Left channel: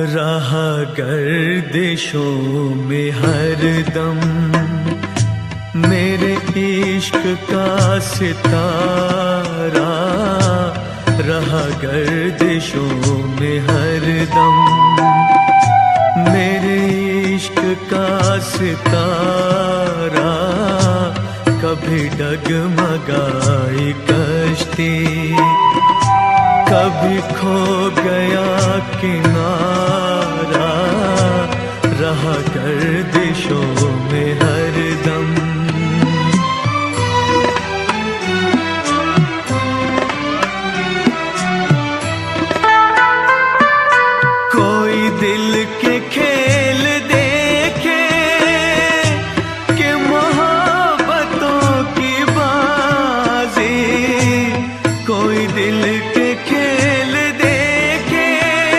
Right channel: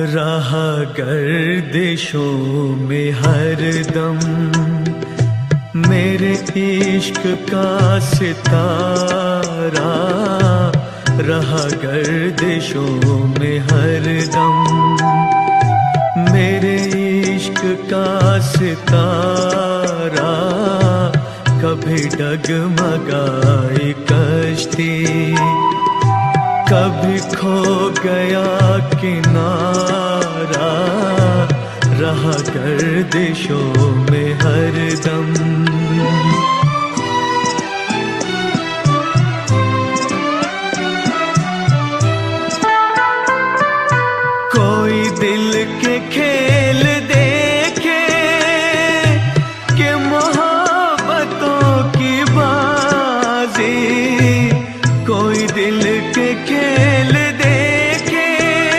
रहा गर्दिशों में हरदम मेरे इश्क का सितारा, रहा गर्दिशों में हरदम मेरे इश्क का सितारा। कभी डगमगाई कश्ती, कभी खो गया किनारा, रहा गर्दिशों में हरदम। कोई दिल के